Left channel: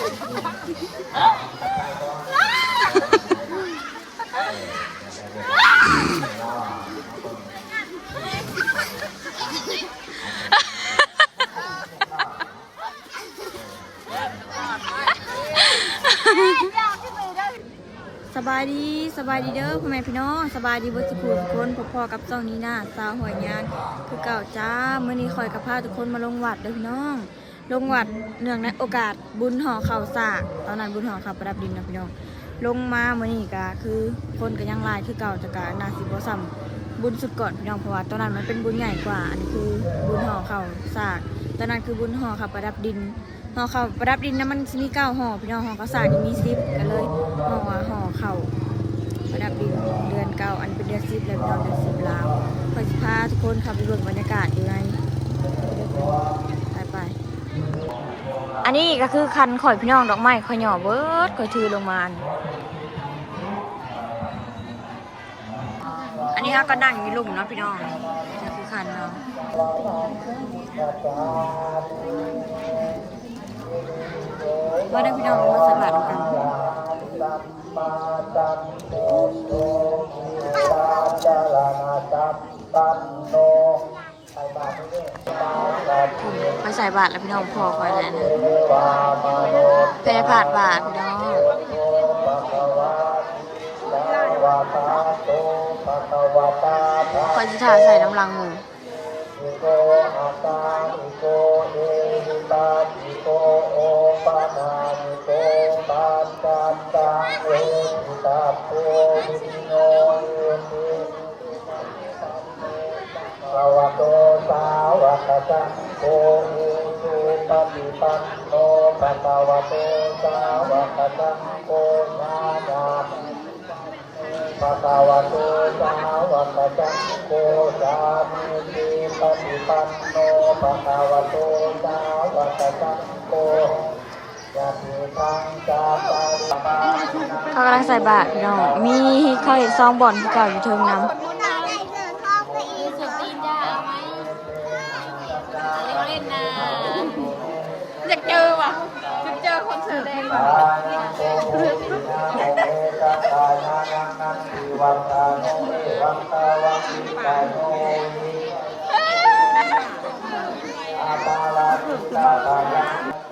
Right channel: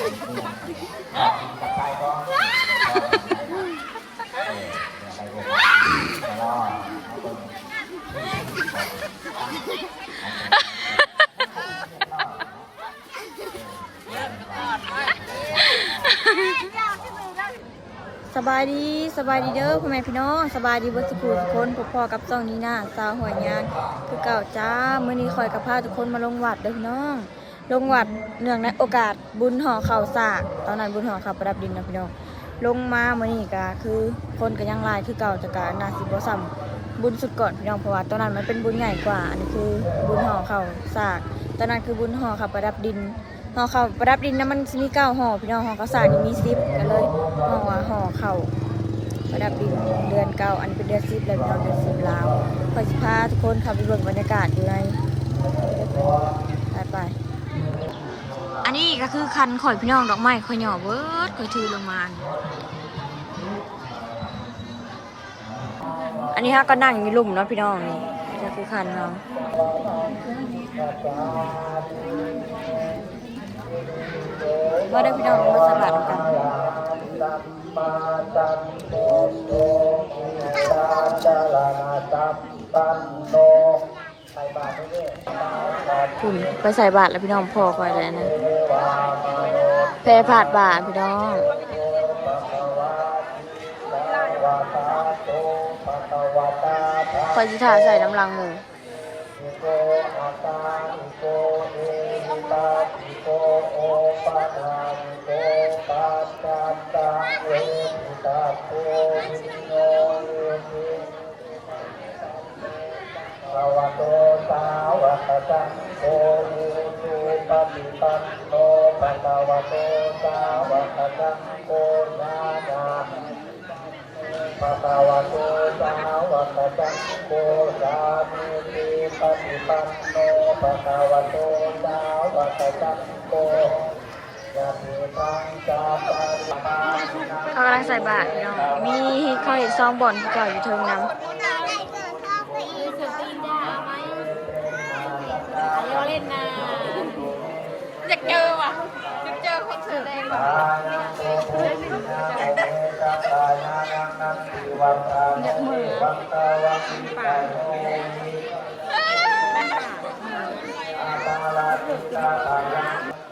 สบายดีเด้อพ่อแม่พี่น้องสบายดีวัดสุขุทุกคนพบพ่อกับจ้องนี้นะสาวหอยยางคือเก่าจ้าเมื่อนี้คอยกับพาทุกคนมาลงวัดเด้อพี่น้องลงวัดเนื่องในโอกาสบุญห่อข้าวสากตอนนั้นบุญห่อข้าวประดับดินนะพี่น้องลงมาเมื่อนี้ก็คือคนก็ยังลายคือเก่าแต่ก็นาสิบ่ซ้ำบุญสุดก่อนพี่น้องเพราะว่าตอนนั้นมันเป็นบุญใหญ่กว่าอันนี้คือบุญห่อข้าวสากตอนนั้นคือบุญห่อข้าวประดับดินห่อข้าวประดับดินนะมันมี9ห่อพี่น้องห่อข้าวสากนี่มี10กันเลยห่อข้าวประดับดินเดือน9อันนี้เป็นเดือน10เลยพี่น้องเดือน10แล้วขอสิพาทุกคนขับไปเบิ่งบรรยากาศอยู่ในไปอันนี้ก็คือคันข่อยพี่น้องดอกไม้ข่อยหย่อเบิดข่อยถือลงมาอันนี้ฮะก็นั่งอยู่ลุ่มเนาะพี่น้องนี่ก็คือคันเนาะว่าได้พี่น้องมาสบายกันคุณไปใส่บาทแล้วพี่น้องพอก่อนเลยนะแพร่ผาดบาทพี่น้องคอยจิถาใส่น้ำลังมือโอมิสุปฏิปันโนภะคะวะโตสาวกสังโฆนานาภะคะวะโตสาวกสังโฆสามิติปฏิปันโนภะคะวะโตสาวกสังโฆเขากำลังใส่บาตรพี่น้องมีเขาเห็นซองบ่อนที่เก่าอยู่เทิงน้ำเราเล่นนะอยากเจอว่ะอยากเจอคนสื่อเอง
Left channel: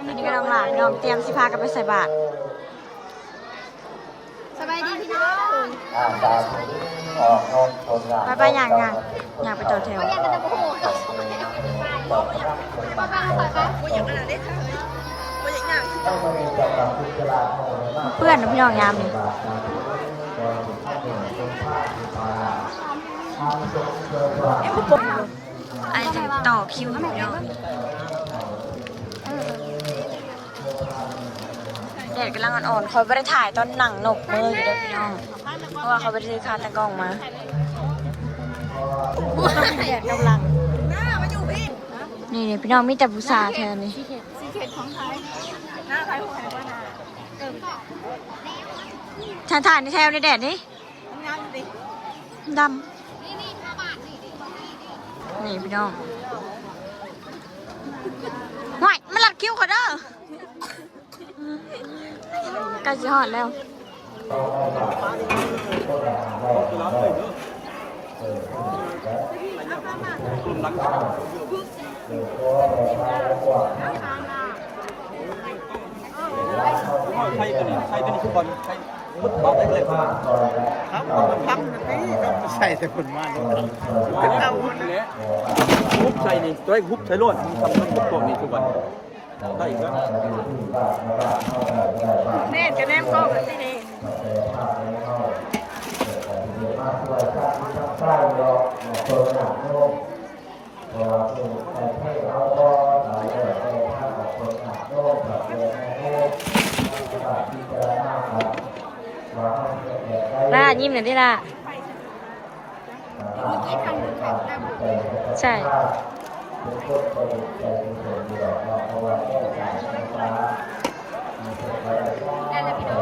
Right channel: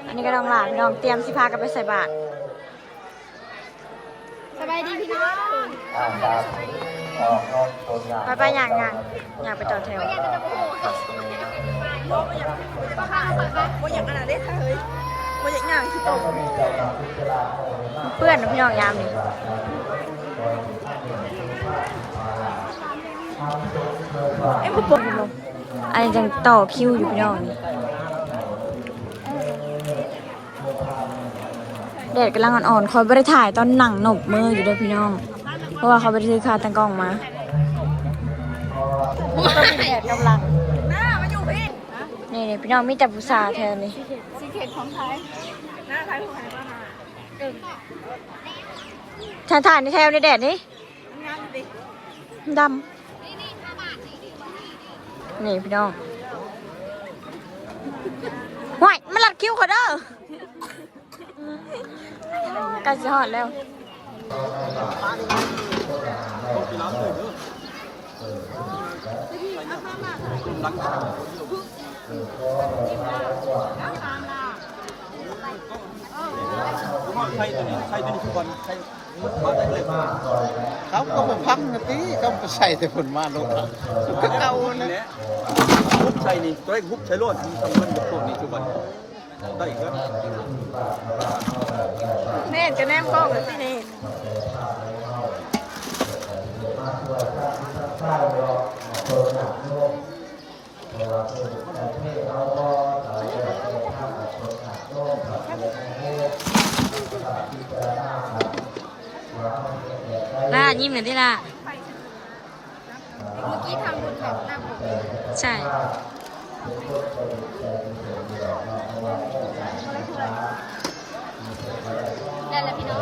อันนี้ก็ต้องหลานพี่น้องเตรียมสิพากันไปใส่บาตรสบายดีพี่น้องไปอย่างไปต่อแถวเพื่อนนะพี่น้องยามนี่อันนี้ยังต่อคิวอยู่พี่น้องนี่แดดกำลังอ่อนๆคอยไม่ได้ถ่ายตอนหนังหนบมืออยู่ด้วยพี่น้องเพราะว่าเขาไปซื้อคาตั้งกล้องมาก็เป็นแดดกำลังนี่พี่น้องมีแต่ผู้สาวแทนเลยซีเคทของไทยหน้าใครหัวไหนบ้างนะถ่ายในแถวในแดดนี่ดำนี่พี่น้องห่วยมันหลัดคิ้วขอเด้อใกล้จะหอดแล้วใช่ตัวนี้ทุกคนใช่มุดบ้านได้เลยเขาก็มาพังกันนี้เขาใส่แต่คนมาลงก็เก่าเลยมุดใส่นี่ตัวไอ้มุดใส่ล้วนทำมันมุดตัวนี้ทุกคนได้อีกแล้วแน่จะแน่ก็จะที่นี่ล่ายิ้มหน่อยดิล่ะเมื่อกี้ทำบุญเขาแม่บุญใช่ได้แล้วพี่น้อง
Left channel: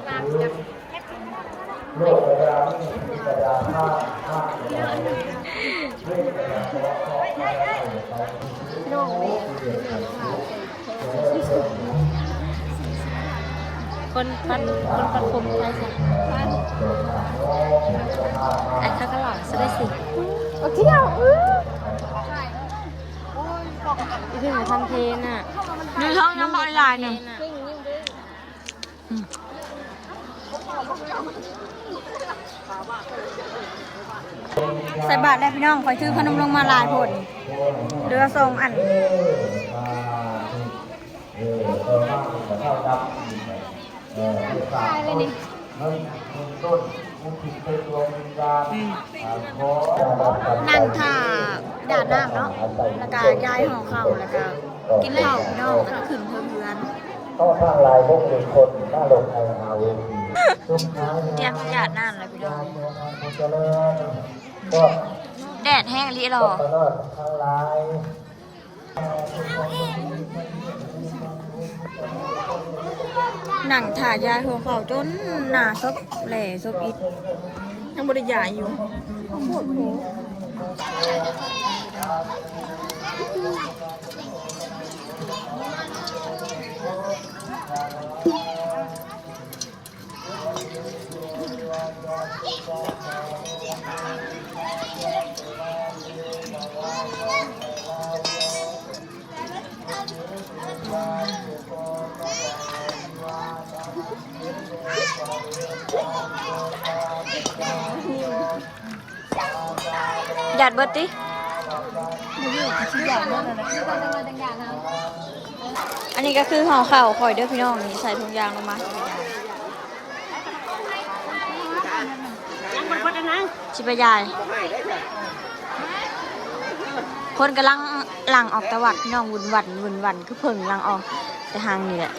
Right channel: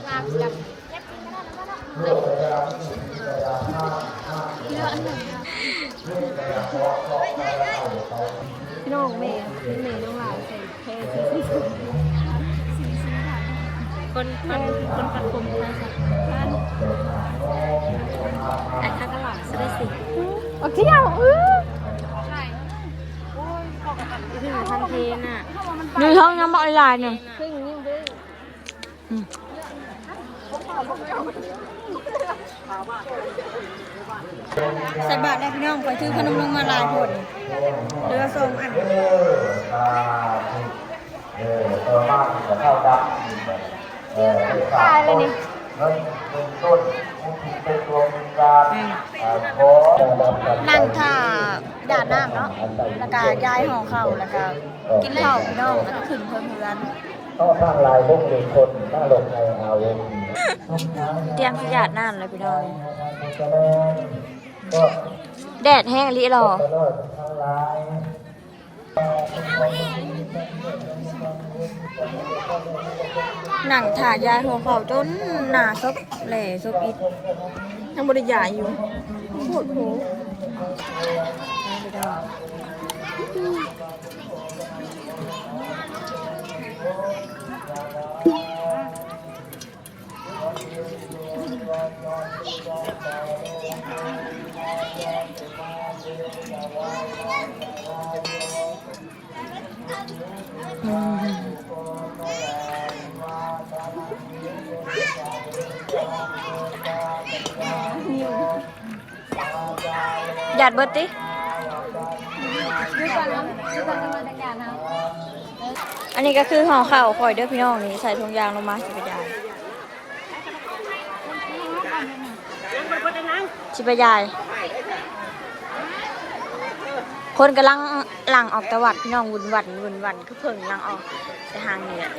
บงามเสียบแค่ปีนก็ได้นะว่าเนาะเรื่องอันหนึ่งโน่เมย์คนปันคมใครสักไอ้ข้าก็สได้สิโอ้เที่ยวใช่โอ้ยพอกับที่ทางเพลน่ะ ดูท้องน้ำบอกลายหนึ่งใส่บาตรได้พี่น้องคอยซื้อขนมลงมาลายผลเรือทรงอันนั่งท่าด่านน้ำเนาะแล้วก็ย้ายห่อเข่าแล้วก็กินข้าวพี่น้องแล้วก็ขึ้นเพิ่มเรือนเตรียมหยาดน้ำเลยพี่น้องแดดแห้งลิหรอหนังถ่ายยายหัวเขาจนหนาซบแหล่ซบอิดยังบริยายอยู่หมดหูหยาดเบิดติอันนี้ก็คือห่อข้าวข่อยเด้อพี่น้องนี่ใส่ถุงยางลงมาสิไปยายสิไปยายคนกำลังหลังออกตะวัดพี่น้องวุ่นวันคือเพิ่งหลังออกแต่ทางนี่แหละ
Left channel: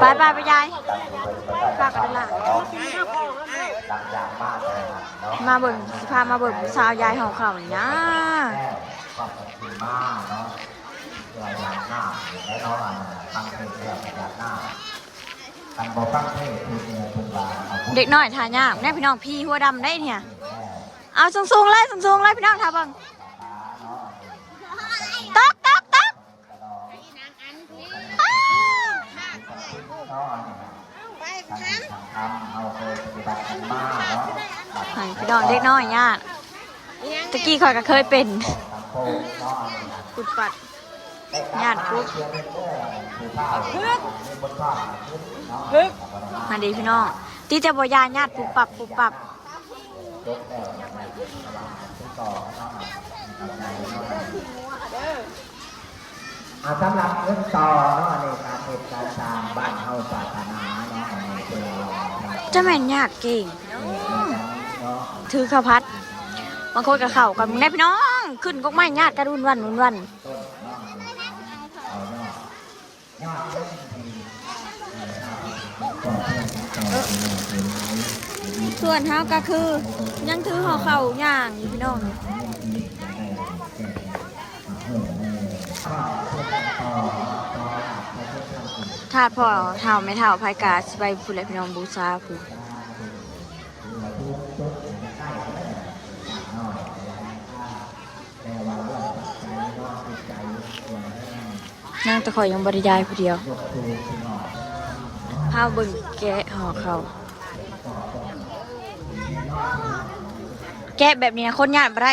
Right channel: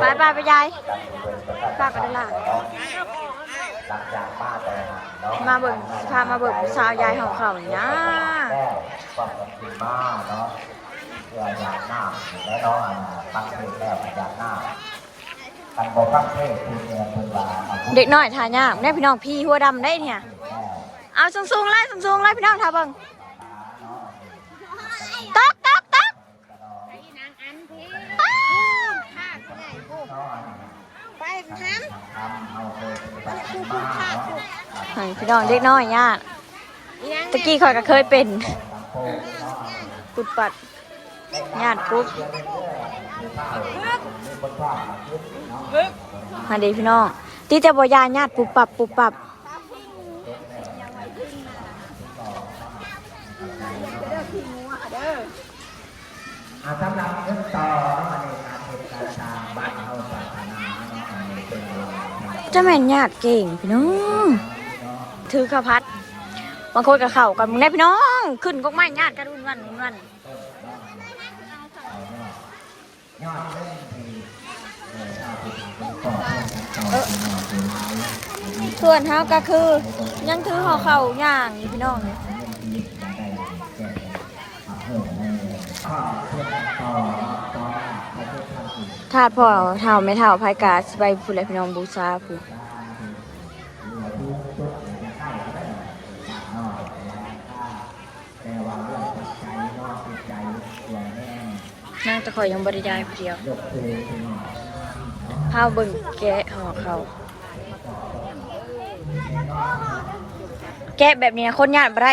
ไปไปยายฝากกันได้ละมาเบิ่งสิพามาเบิ่งสาวยายห่อข้าวเนี่ยเด็กน้อยทานยากแน่พี่น้องพี่หัวดำได้เนี่ยเอาสูงๆเลยพี่น้องทาเบิ่งตักพี่น้องเด็กน้อยเนี่ยตะกี้ข่อยก็เคยเป็นปุดปัดญาติปุ๊บมาดีพี่น้องที่จะบอยาญาติปุบปับสำหรับเงินต่อจะแม่นญาติเก่งพี่น้องถือข้าวพัดบางคนกับเข่ากันมึงได้พี่น้องขึ้นก็ไม่ญาติกระดุนวันส่วนเท้าก็คือยังถือห่อเข่าย่างอยู่พี่น้องนี่ถาดพ่อเท้าไม่เท้าพายกาสไปพูดอะไรพี่น้องบูชาพูนางตะขอยยังบริยายผู้เดียวพาเบิ่งแกะห่อเขาแกะแบบนี้คนญาติบ่ได้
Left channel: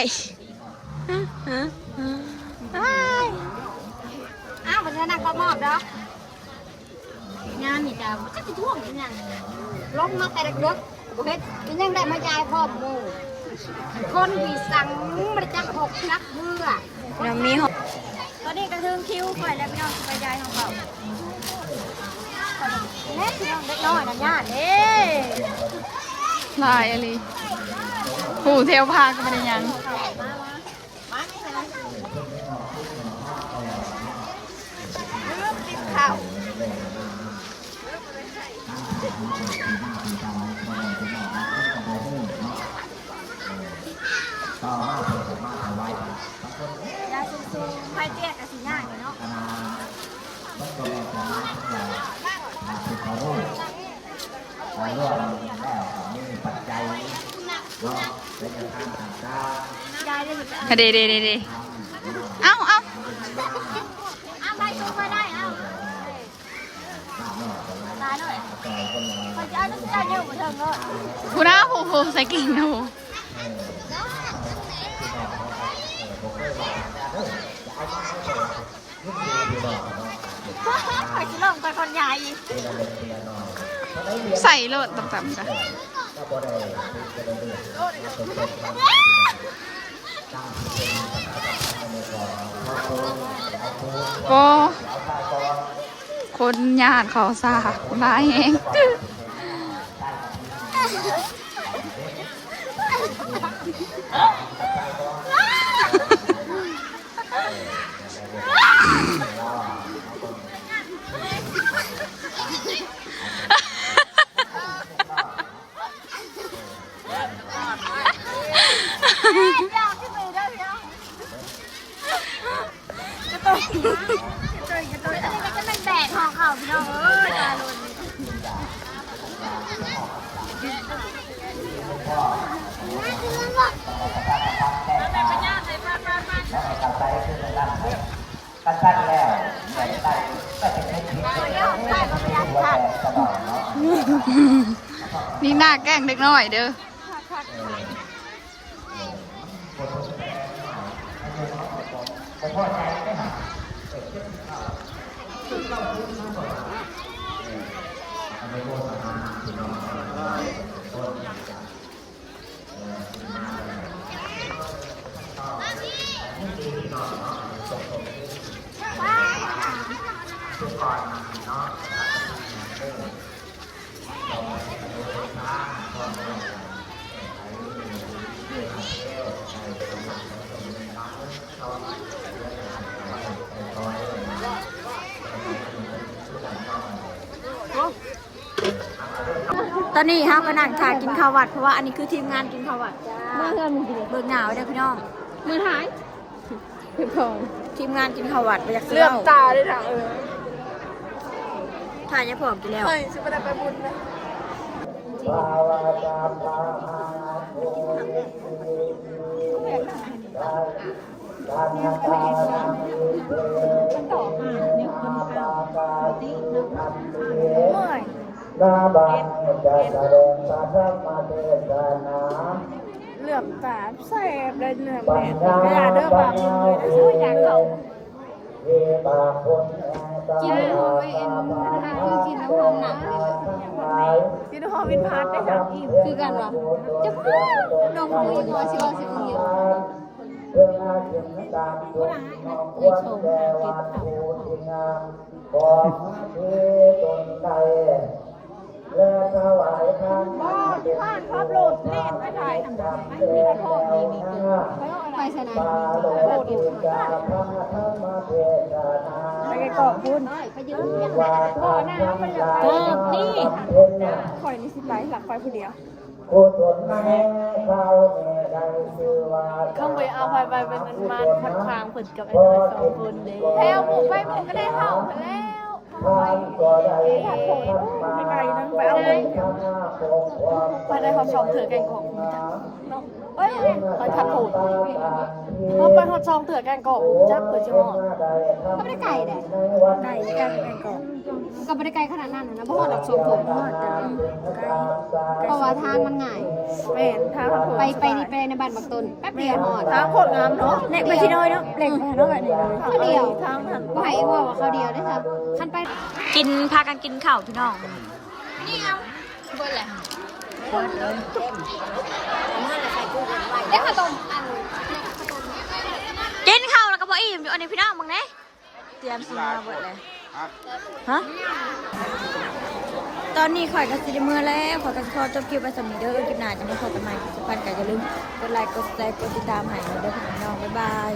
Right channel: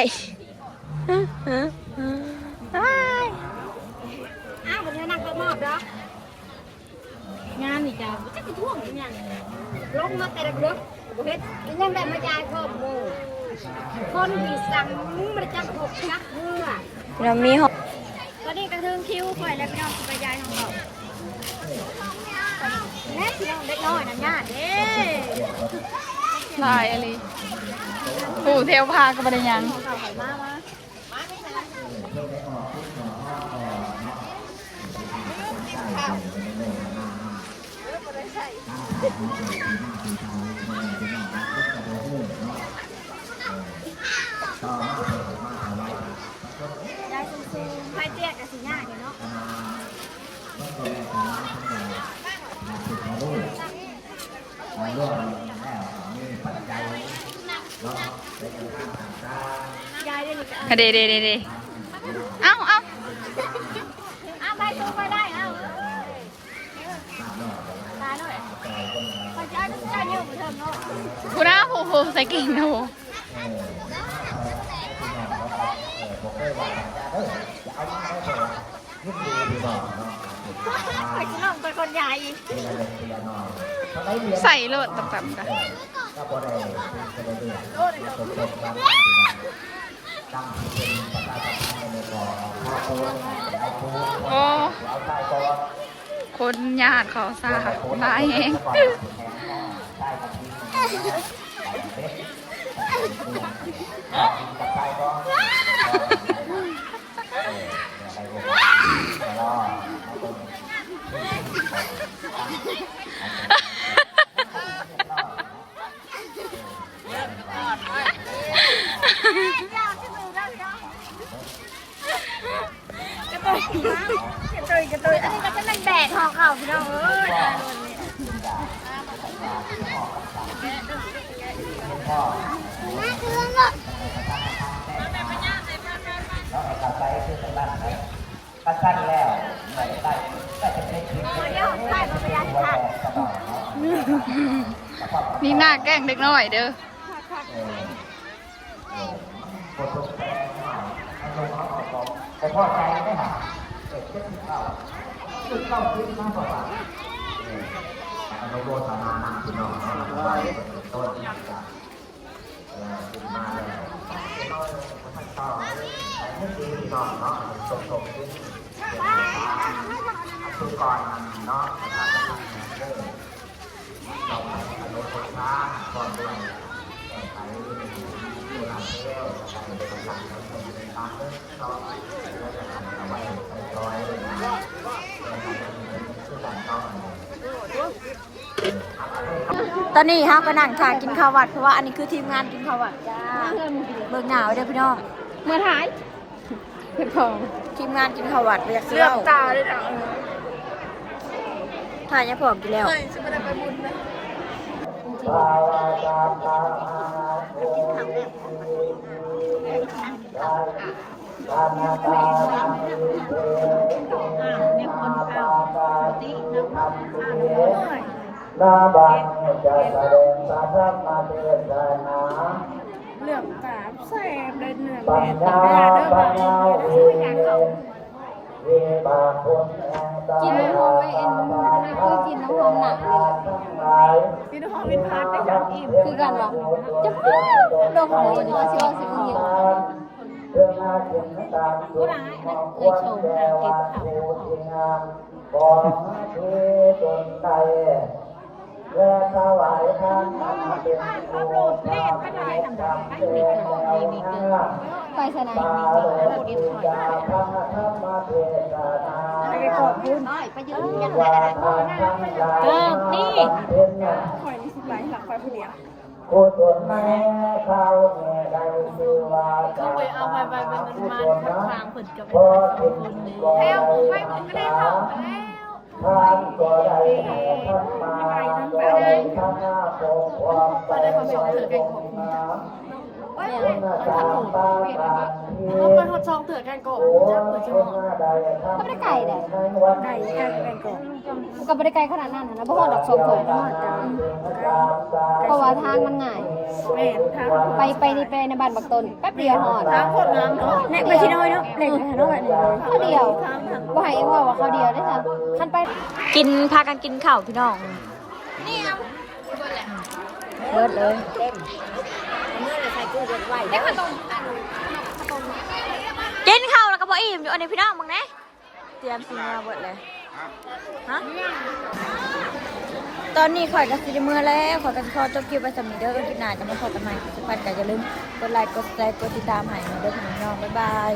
อ้าววันนี้นักตะมอบเนาะงานนี่จ้าจะไปท่วงยังล้มมาแต่เด็กๆเฮ็ดยังได้มาจ่ายพ่อมูคนที่สั่งมันจะหกนักเมื่อเรามีห่อตอนนี้กระทึงคิ้วข่อยแล้วพี่น้องสิไปยายของเขาแม่พี่น้องเด็กน้อยนั่นญาติเด้ลายอะไรผู้เที่ยวพาก็ไม่ได้ยังข่าวข่อยมาได้ สูงไฟเตี้ยกับสีหน้าเนี่ยเนาะยายเดี๋ยวจะเดเอาได้สูงไปได้เอาตายหน่อยพอจะเอาน้ำตาเยอะหมดเถิงเลย ผู้น้าผู้ใส่กิ่งนะผู้ ขอกินนมไปคนใหญ่ ใส่โลดต่ำๆกันโอ้คนญาติเขาซาลายเองกระตุยอันนี้ก็จะเป็นแดดของเขาพี่น้องตาลุนนี่หน้าแกล้งเด็กน้อยเด้อตอนนี้ฮะก็นั่งถ่ายกินข้าววัดเพราะว่าอันนี้คือทีมงานกินข้าววัดจ้าเบิกหนาวเด้อพี่น้อง เมื่อถ่าย ทีมงานกินข้าววัดไปอยากเสื้อตาด้วยนะถ่ายยังพอกินแล้วเหลืองตาแสบเลยเหลืองเวลาเดินมากินน้ำหอมไอเอ็นคือกินน้ำหอมหนักเลยกินน้ำหอมเป็นพาร์ทไปจากคือกันวะจะพูดลงคุยงอสิว่าสิมึงอยู่ไปสนามพูดไปไกลกอบพูดไปยืนยังไงนี่คอยนี่สิไปหลังไฟผู้เดียวเข้าไปเอาไปเป็นมันทางฝึกกับไอ้สองคนเลยแล้วไปผมก็ได้เข้าไปได้เขาสองเถื่อกันของไปทัดถูกไปทดช่องเถื่อกันก่อนจักเปิดชั่วโมง ก็ไม่ได้ไก่เด้ ไก่แกงก่อน ก็ไม่ได้ไก่ขนาดนั้นนะเพราะว่าดอกสองถุง ทอดจ้าไก่ เพราะว่าทางมันง่าย แม่ทาง ไปนี่ไปในบ้านบักตนแป๊บเดียวหอด ทางโคตรงามเนาะเล็กไปที่น้อยเนาะเล็กไปเนาะแบบนี้เลย เขาเดียวบ่ให้ว่าเขาเดียวได้ค่ะคันไป กินพากันกินข้าวพี่น้องเบิร์ดเลย ได้ขนม กินข้าวแล้วก็บอกอิ่มอยู่อันนี้พี่น้องมึงนะเตรียมซื้อมาเบิร์ดเลยฮะตอนนี้ข่อยกับซิลิเมอร์แล้วข่อยกับคอจบคลิปไปสำนีเด้อกินหนาจะมาพบกันใหม่ทุกท่านแต่อย่าลืมกดไลค์กดแชร์กดติดตามให้เด้อพี่น้องบ๊ายบาย